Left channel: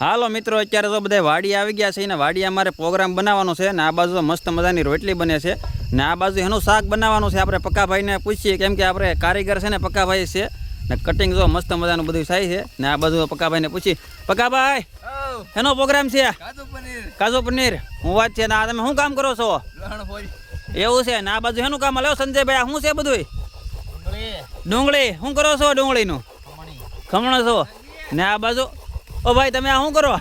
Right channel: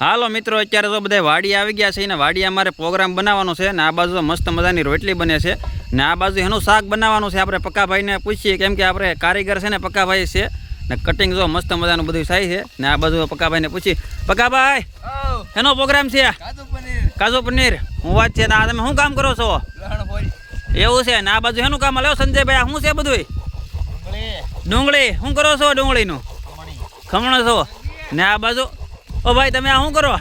હાલો મિત્રો, અત્યારે તો બધા વાડી આવી ગયા છે ને વાડી અમારે પ્રોગ્રામ બનાવવાનો છે ને આ બાજુ મસ્ત મજાની રોટલી બને છે ને આ બાજુ એનું શાક બનાવવાનું છે. આપણે પક્કાભાઈને પૂછીએ કેમ કે આપણે કારીગર છે ને પક્કાભાઈ છે ને કટિંગ જો મસ્ત મજાનું બધું થાય છે ને આ બાજુ પક્કાભાઈને પૂછી. પક્કાભાઈ એનો પ્રોગ્રામ છે કાજુ પનીર. હું વાત છે ને આ તમે શું કામ કરો છો? એવું છે ને આ બાજુ એનું કામ લ્યો સંજયભાઈ, શું છે બધું? ડુંગળી. શું કરો છો ડુંગળીનું? ખમણો છો ને આ બાજુ ઓ ભાઈ તમે આ શું કરો?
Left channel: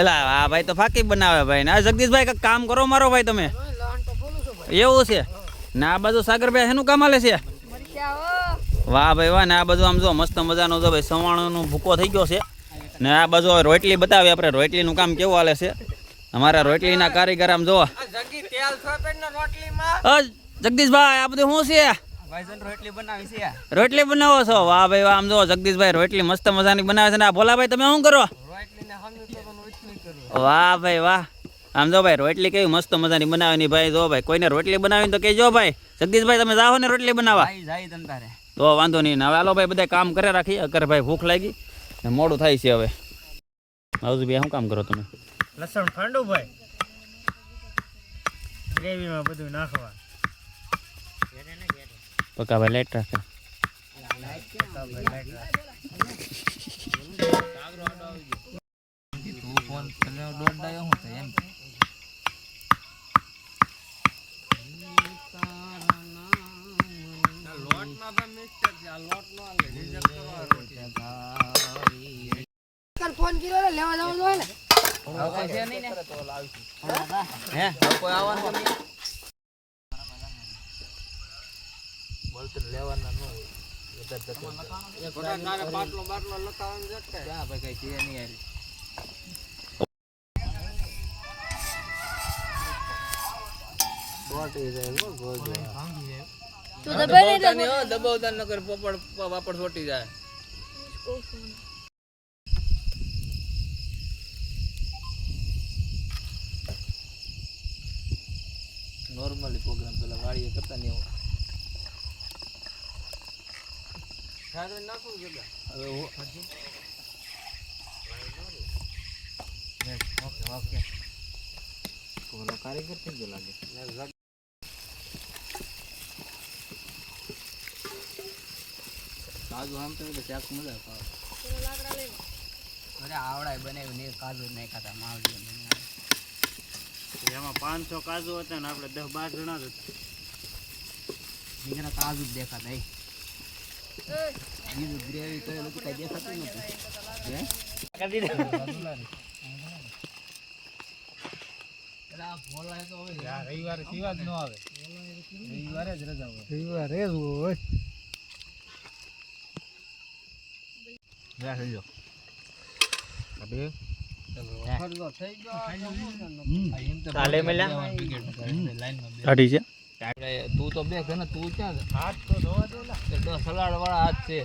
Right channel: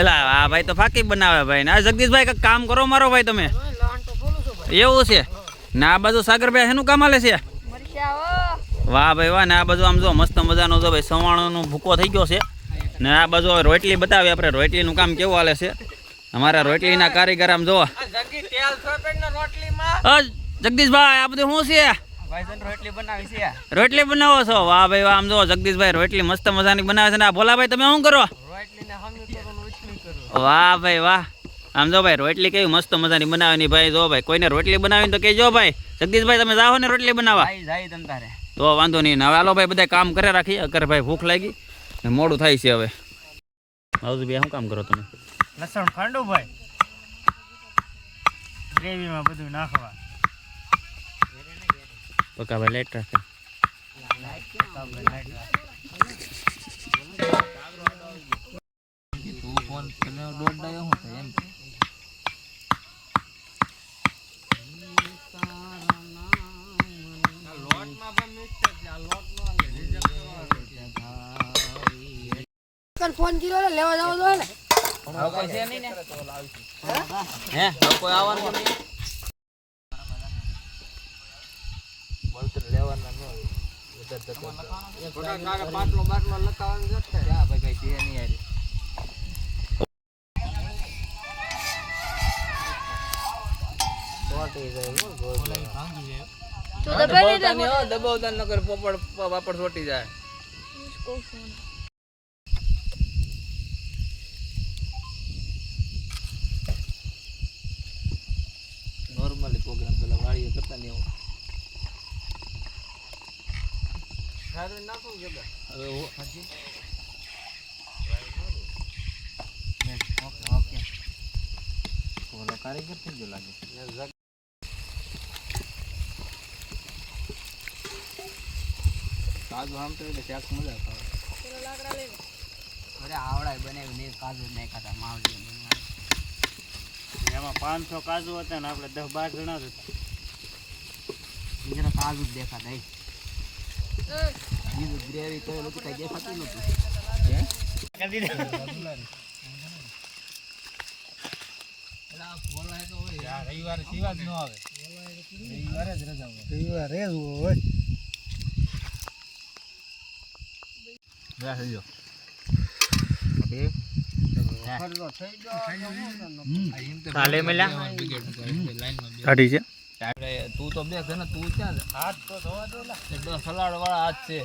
એલા હા ભાઈ તો ફાકી બનાવે ભાઈ. ને આ જગદીશભાઈ કંઈક કામ કરો મારો ભાઈ તમે. એવું છે ને આ બાજુ સાગરભાઈ એનું કામ હાલે છે? વાહ ભાઈ વાહ. ને આ બાજુ આમ જો મસ્ત મજાનો જો ભાઈ સવાણનો ભૂકો થઈ ગયો છે ને આ બાજુ રોટલી બતાવી આપણે રોટલીનું કામ કેવું હાલે છે. અમારા રોટલીના કારીગર આમ જો જગદીશભાઈ આ બધું શું છે? રોટલી બનાવો છો? વાહ ભાઈ વાહ. આમ જો જગદીશભાઈ રોટલી મસ્ત મજાની બનાવે છે ને આ ભોલાભાઈ તમે શું કરો? વાહ ભાઈ વાહ. આમ જો ભાઈ રોટલી કેવી મસ્ત મજાની બનાવે ભાઈ. જો ભાઈ કોઈને રોટલી બનાવી તો કહેજો ભાઈ. જગદીશભાઈ તમે જાઓ ને રોટલી બનાવવા? તો વાંધો નહીં. હવે હાલો ભાઈ બધા કામ કરે રાખી. અગર ભાઈ ભૂખ લાગી ને મોડું થાય છે હવે. ભાઈ શું કામ કરો તમે? લસણ ખાંડું ભાઈ, ગ્રેવીમાં બધું નાખવા. પક્કાભાઈ લાઈટ રાખે. ફોન કર્યો લેવા જવો જોઈએ ને. કોઈ આવવાનું નહીં. લેવાના ન હોય બાટલો લખાવાનું જશે. ક્યાં ભાઈ કઈ છે નહીં યાર. દબાવતા નકર પાપડ છોટી જાય. નોર્મલી પ્રોગ્રામ પેલા વાડીએ કરતા નહીં આવો. કારીગર થઈ ગયો લાગે. કાજુ આમ તો શાક મજા આવે. આવડા બનાવીને કાજુ નહીં ખાતા માવડી. એમાં 500 કાજુ હતા ને આપણે 10-12 જણા જ બીજા કાજુ જ દેખાતા. ગ્રેવી કરેલું કઈ દેખાતું નતું. રવિવારે સિવા જ ન આવે. રવિવારે જ રજા હોય. રવિવારે જ હોય. કાઢી છે તું તો બે ઘણા તું ક્યાં ફલાડ વાળા હાથ છે.